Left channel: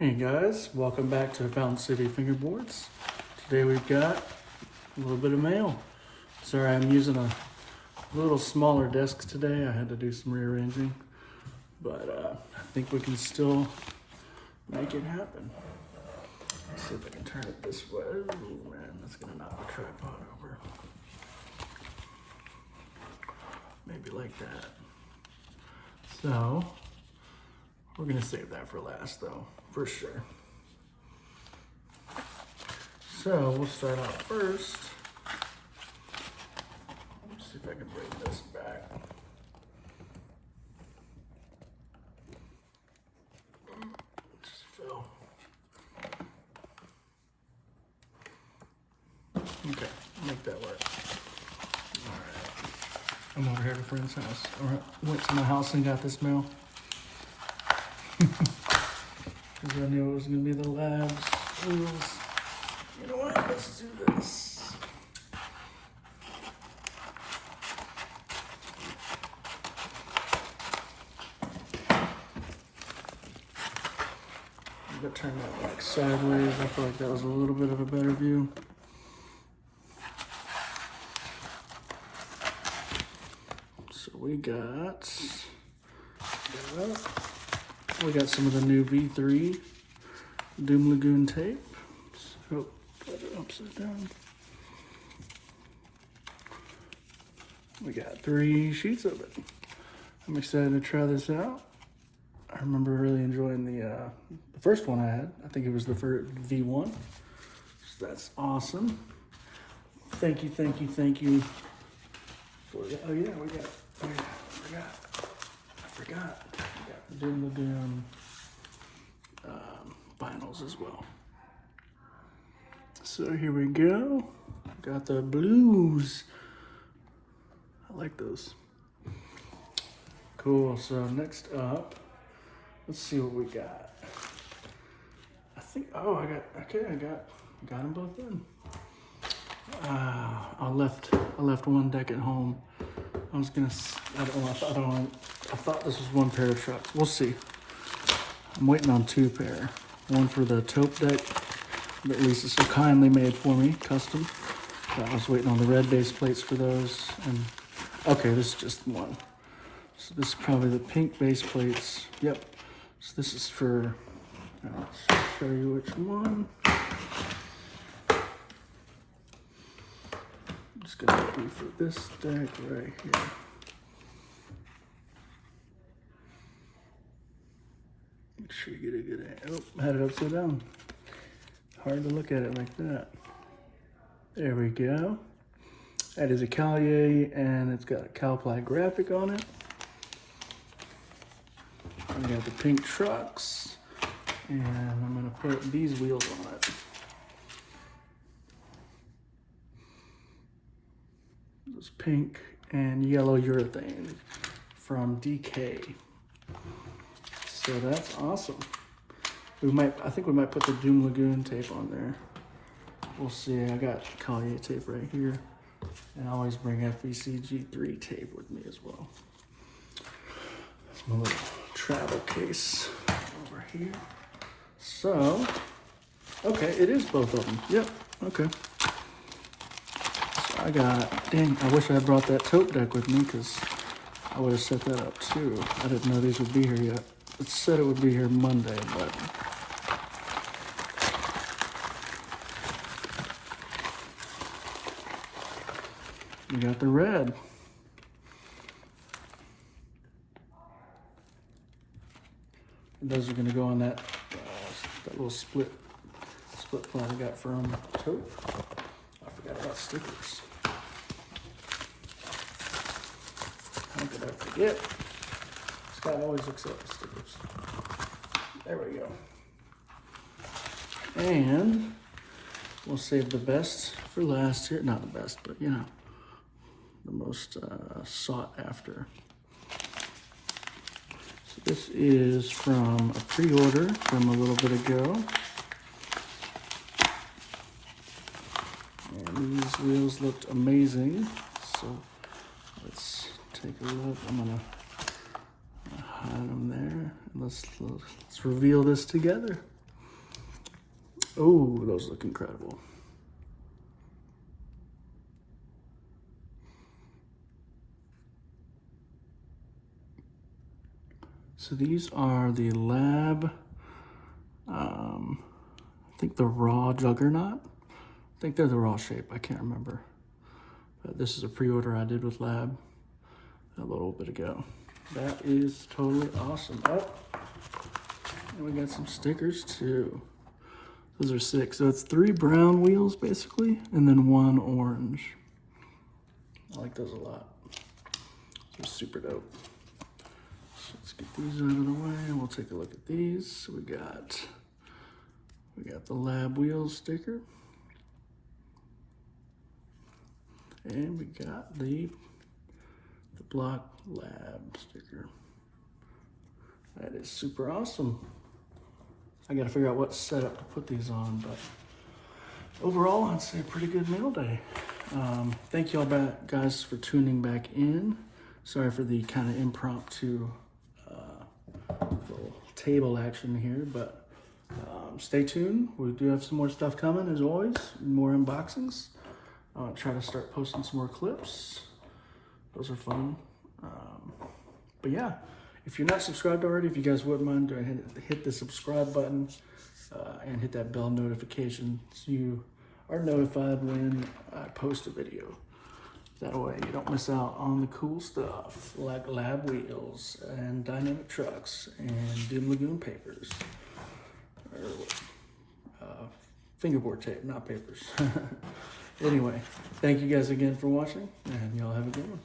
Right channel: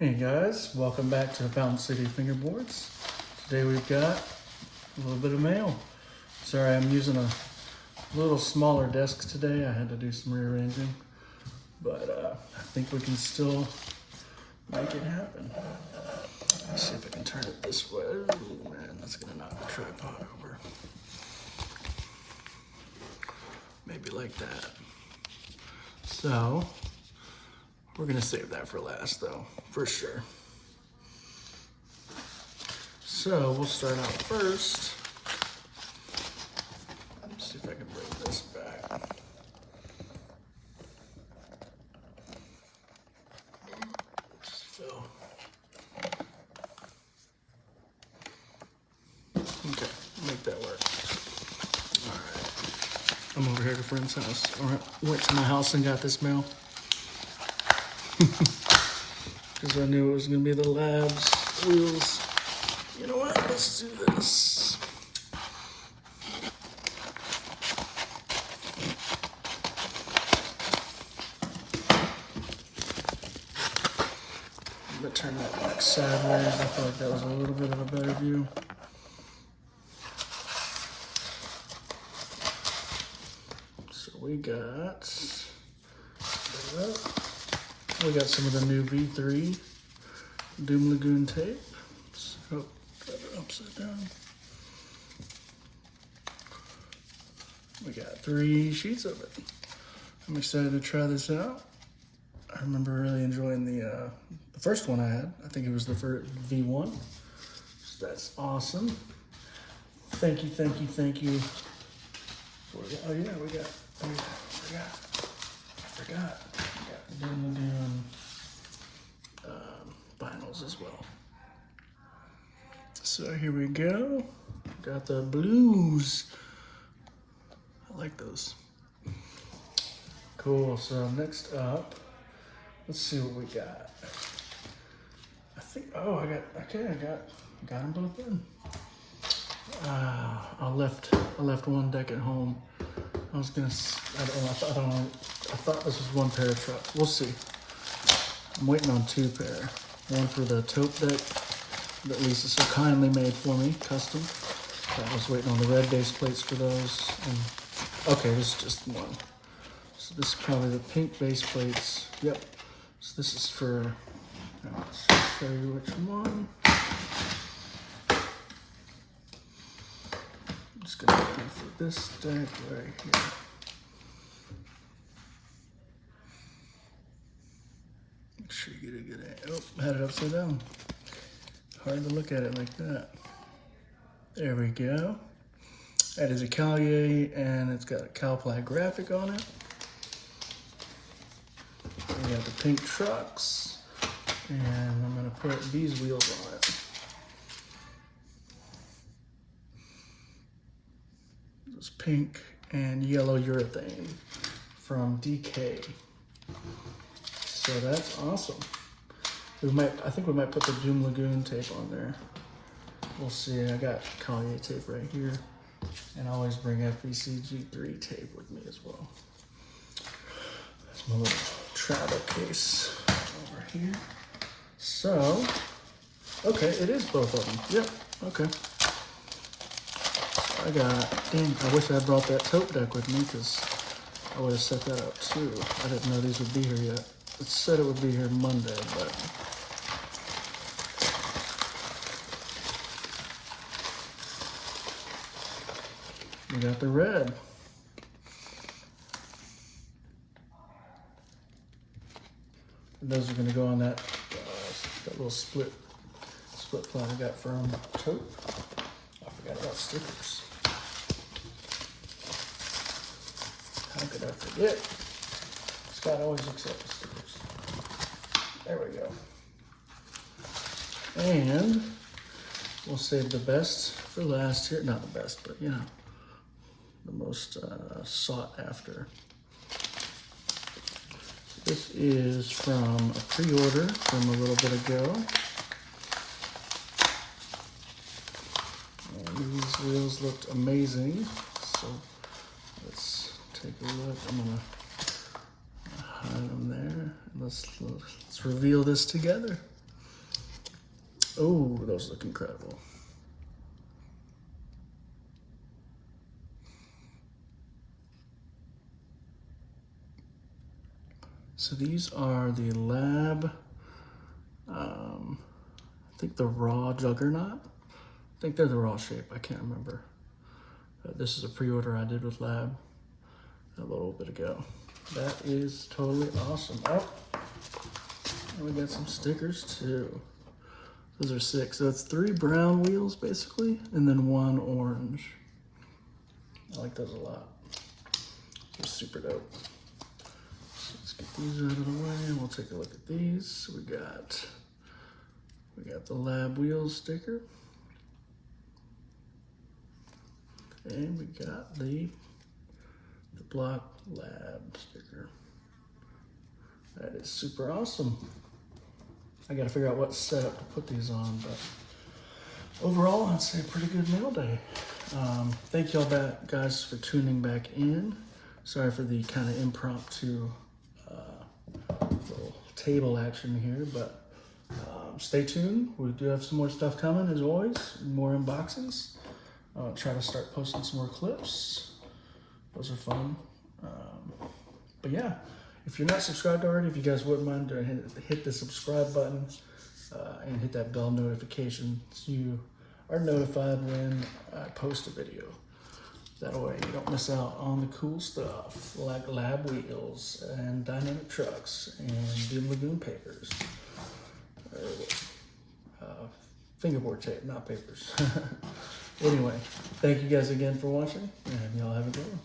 Hey guys, welcome back to the Fountain City Fingerboards. Today we've got a little bit of mail. Sorry, I'm using a little smaller desk today. I had to do some rearranging, but I think we can still make it happen. Let's see if I can turn it this way. Oh man, that's gonna knock the tripod over. Maybe like that. So, we're gonna save that for last though, for sure. So we'll start out first. Let's see if I can bring this back. Just fill. Okay, make that work. All right. I'm over here at a friend's house. All right, went to my house and got this mail. Because I knew it was going to be the labs wheels. You know what? Let's do this. I'm going to turn that back sideways. I feel like that was a little bit of a better view. So we got some of the new V3 Doom Lagoon tape. So, put it upside down. We got 3 sheets of it. I'm excited to try this out. I remember really enjoying the first one I had. I think it was the first V1. So that's awesome. Thank you for that. Oh yeah, we got. I forgot. Doom Lagoon vinyls as well. So here we go. Got the blues. I like those. Cool. So next up, let's see what we got. I think. Oh, I got them both in. I left one deck at home. I was gonna. I thought this was one pair of trucks. We'll see. I'm waiting on 2 pair. One for the taupe deck that Lisa so kindly made for me, custom. I was waiting on the red base plates for those. And, okay, this is just one. So this is probably the pink base plates. Yep. So this is for. Let's show you which one. It's gonna be for this deck right here. Make sure you get a good angle. Oh, had it upside down. Hard to look at it like that. There we go. That is a Collier, and it's got a Calply graphic on it. We got the pink trucks, and I'm gonna put these wheels on it. This pink and yellow urethane from DK. So that's awesome. I think we might put the Doom Lagoon tape on there. We'll see. I got Collier tape right here. And I always bring FEC G3 tape with me as well. There's my little travel case over here. So, okay, it is both of them. Yep, okay. Dang, I wish I brought that tote deck with me because I would have set that up too. I didn't know these would be here yet. It said it would be here Monday, but we got the red. Those are going to go on that little split plan I got from Tote. I forgot about stickers. How could I forget? Scott always looks at the stickers. There we go. And we'll save the best for last here. Not the best, but you know, the most sought after. So this is from a pre-order from a little bit ago. And these wheels looked amazing. So let's take a look. I'm gonna hide them there. Let's reveal this together. Oh, those look incredible. So these are the Lab, I think the Raw Juggernaut. I think they're the raw shape, I can't remember. This is a pre-order I did with Lab a little bit ago. That is totally awesome. Oh, we got some stickers too. Those are 6. So it's 3 brown wheels basically, and then 1 orange. I like those a lot. They're super dope. Let's get these out of the way and we'll take a look at these. So we got the Lab wheels sticker. And we got the Block Lab sticker. That is super awesome. I gotta figure out what setup to put these on, but overall, I'd say pretty good mail day. Thank you all guys for tuning back in. Sorry for the kind of impromptu little table action here, but stay tuned. We do have some more stuff coming as always, more unboxings. I'll try to start posting some more clips. Those are fun. But yeah, if you're not subscribed already, if you guys wouldn't mind hit the subscribe button and hit that bell notification so you are notified when I post a video. That way you don't miss out on the cool stuff like Lab wheels and dynamic trucks and Doom Lagoon papers. Fingerboard tape, not papers. Anyway, thank you guys again for watching, and y'all have a good one.